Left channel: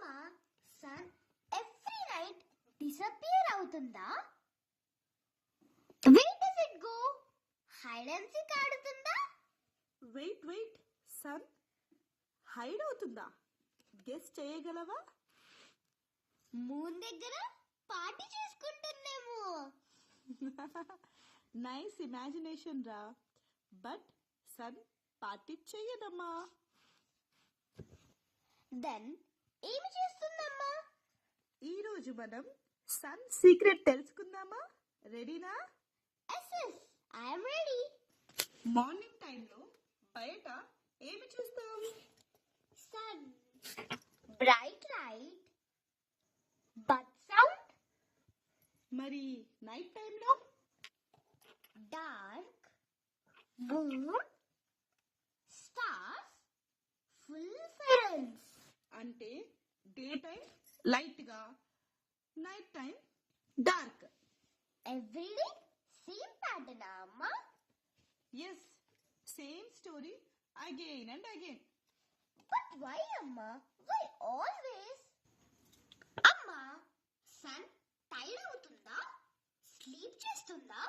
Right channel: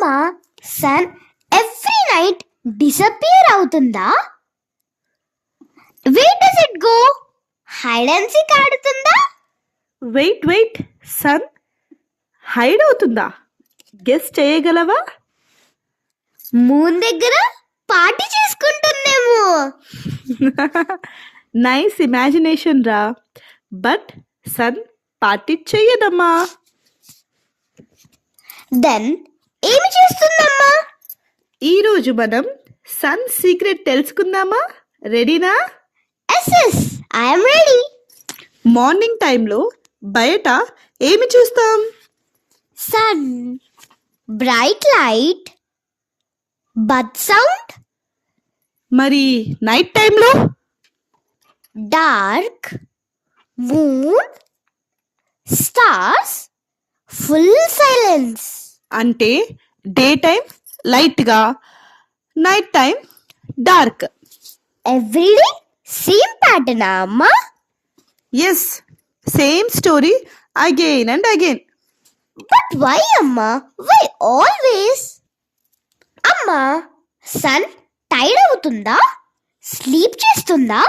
అమ్మా, sun every night disappear అవుతుందా? Where does it go? Hide and seek ఆడుతుందా? Wait sun hide అవుతుందా? Guess చేయగలవా? మూన్ దగ్గర పార్టీ చేసుకుంటుందేమో. నైస్ ఇమాజినేషన్ రా. బట్ సన్ పార్టీ చెయ్యదమ్మా. దెన్ ఏమి చేస్తుందమ్మా? ఈరోజు మనం సన్ సీక్రెట్ తెలుసుకుందామా? రెడీనా? Yes, I'm ready. మార్నింగ్ టైంలో బయట ఏమి చూస్తాం? Sun, bright light, bird sound. మరి నైట్ టైంలో? Dark, moon, stars, full silence. అంటే డే టైం లైట్గా, night time dark. Everyday same ప్యాటర్నా అమ్మా? Yes, same story again and again. But why అమ్మా? Why always? అమ్మా, సన్ టైర్డ్ అవుతుందా? స్లీప్ చేస్తుందా?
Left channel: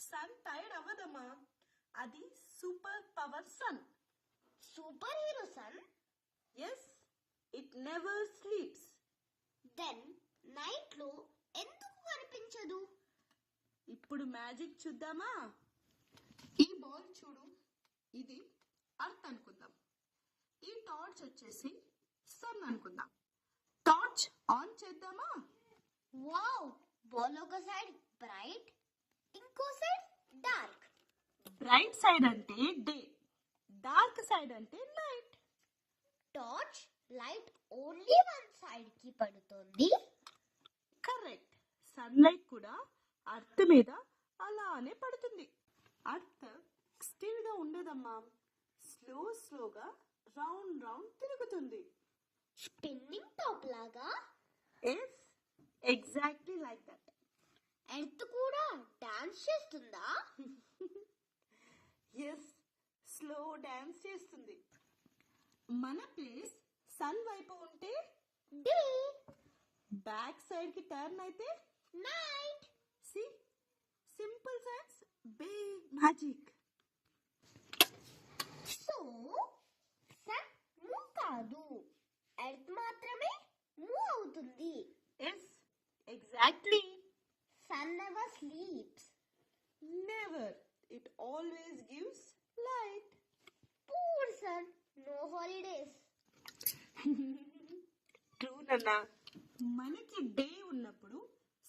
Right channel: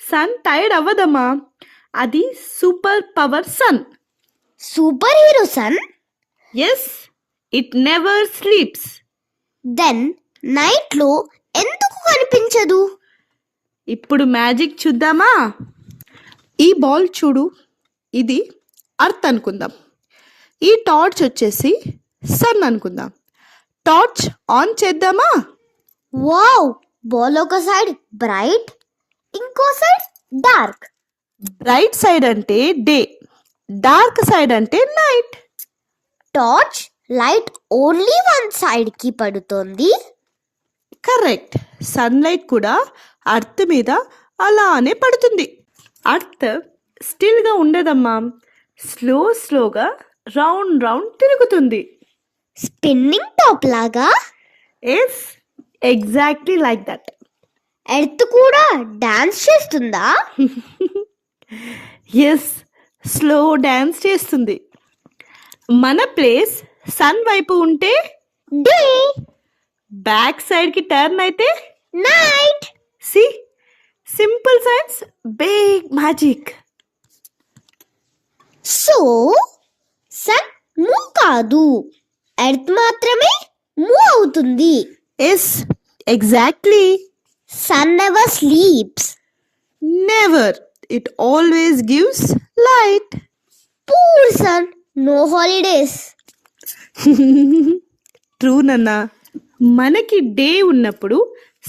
సన్ టైర్డ్ అవ్వదమ్మా. అది super power sun. Super hero sun? Yes, it never sleeps. Then నైట్లో ఎందుకు కనిపించదు? ఇప్పుడు మ్యాజిక్ చూద్దామా? ఈ బాల్ చూడు, ఇది అర్త్ అనుకుందాం. ఈ టార్చ్ వచ్చేసి సన్ అనుకుందాం. టార్చ్ ఆన్ చేద్దామా? వావ్! బాల్ ఒక సైడ్ బ్రైట్, ఇంకో సైడ్ డార్క్. రైట్ సైడ్ అంటే డే, డార్క్ సైడ్ అంటే night. Torch light only one side కి పడుతోంది. కరెక్ట్. సన్లైట్ కూడా అర్త్ మీద అలానే పడుతుంది. అర్త్ స్టిల్గా ఉండదమ్మా. స్లోగా రౌండ్ తిరుగుతుంది. స్పిన్నింగ్ టాప్ లాగా. Yes, exactly like that. Earth కూడా డాన్స్ చేస్తుందా? ఎస్, స్లో డ్యాన్స్ చేస్తుంది. మన ప్లేస్ సన్ వైపు ఉంటే డే, బ్యాక్ సైడ్కి టర్న్ అయితే night. C, simple science, big magic. So sun move కాదు, ఎర్త్ మాత్రమే మూవ్ అవుతుంది. Yes, exactly. Sun never sleeps. Never. It always gives light. Poor sun, no holidays. True నాన్న. మనకి day ఉన్నప్పుడు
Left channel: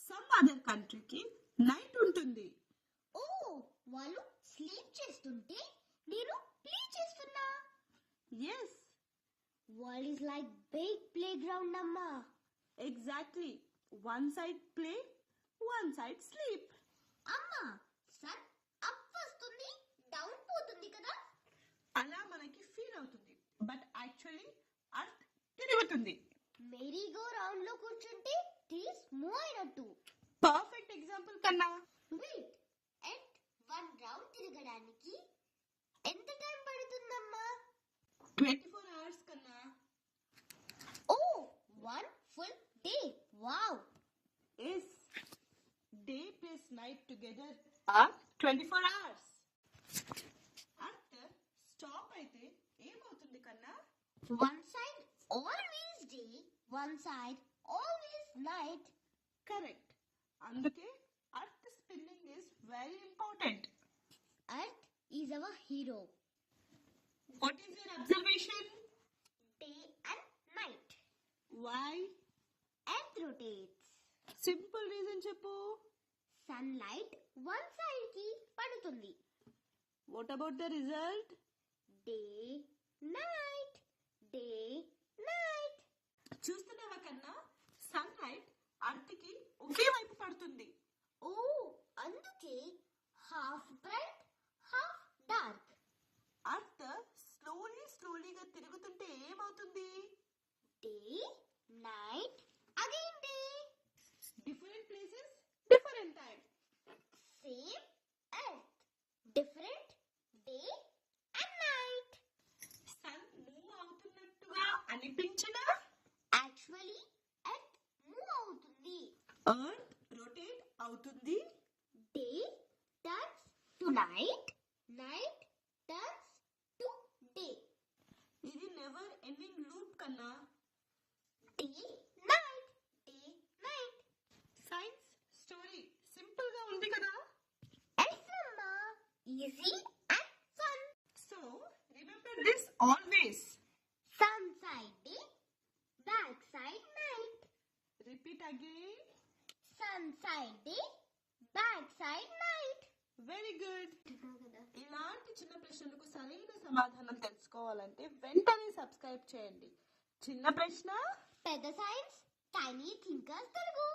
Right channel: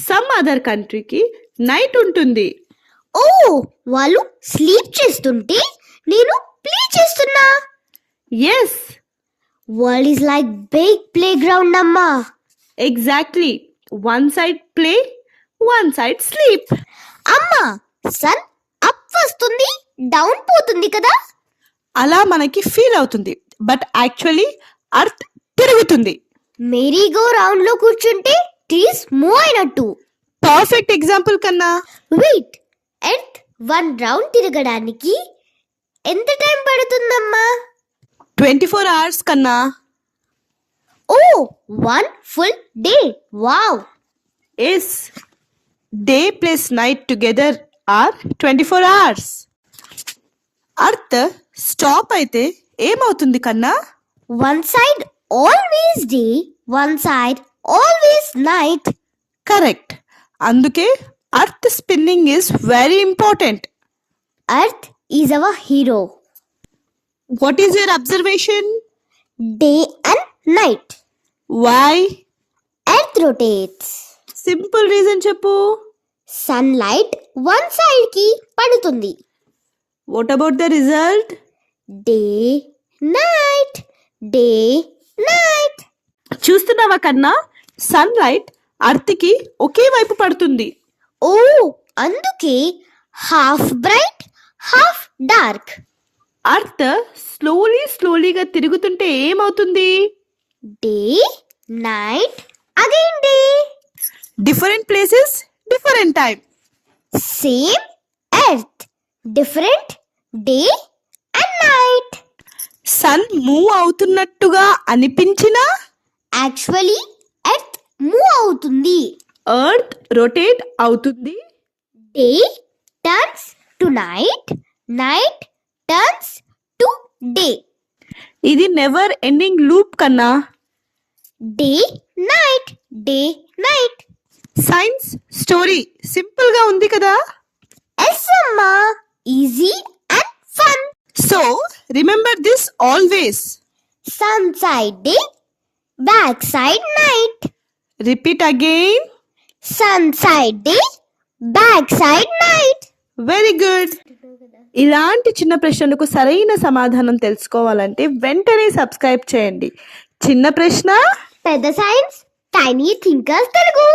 సమ్ అదర్ కంట్రీకి night ఉంటుంది. ఓ, వాళ్ళు స్లీప్ చేస్తుంటే నేను ప్లే చేస్తున్నా. Yes, world is like big play ground అమ్మా. Exactly. One side play, one side sleep. అమ్మా, సన్ అప్ వస్తుంది, డౌన్ పోతుంది కదా? అలా మనకి ఫీల్ అవుతుంది, బట్ యాక్చువల్లీ అర్త్ తిరుగుతుంది. మెరీగో రౌండ్ లో కూర్చుంటే ట్రీస్ మూవ్ అయినట్టు. పర్ఫెక్ట్ ఎగ్జాంపుల్ కన్నా. వెయిట్, ఎర్త్ వన్ రౌండ్ తిరగడానికి ఎంత టైం పడుతుందమ్మా? 24 hours కన్నా. ఓ, one full day. Wow. Yes, day plus night together are 24 hours. Earth stop అయితే ఏమవుతుంది కన్నా? One side always day, one side always night. Correct. అందుకే earth spinning is very important. Earth is our hero. What is your observation? Day and night. Why? Earth rotates. Simple reason చెప్పు. Sunlight one side కి పడుతుంది. What about the result? Day night, day night. చూస్తున్నావా కన్నా? Sunlight అర్త్కి ఒకే వైపు పడుతుంది. ఓ, అందుకే half bright, half dark. Earth స్లోలీగా తిరుగుతుంటే ఏమవుతుంది? Day night again day. Different places, different time. Same earth, different day and night. Sun move అవుతున్నట్టుగా అనిపించినా యాక్చువల్లీ ఎర్త్ మూవ్ అవుతుంది. ఎర్త్ రొటేట్ అవుతుంది. Day turns to night, night turns to day. ఇది never ending loop కన్నా. Day night, day night. Science story simple గా ఉంది కదా. Yes అమ్మా, easy and fun. So remember this always. Sun side day, back side night. Repeat again. Sun side day, back side night. Very good. ఇలాంటి చిన్న ప్రశ్నలకు సరైన సమాధానం తెలుసుకోవాలంటే వెంటనే సబ్స్క్రైబ్ చేయండి. చిన్న ప్రశ్న పెద్ద సైన్స్, టైనీ థింకర్స్ తెలుగు.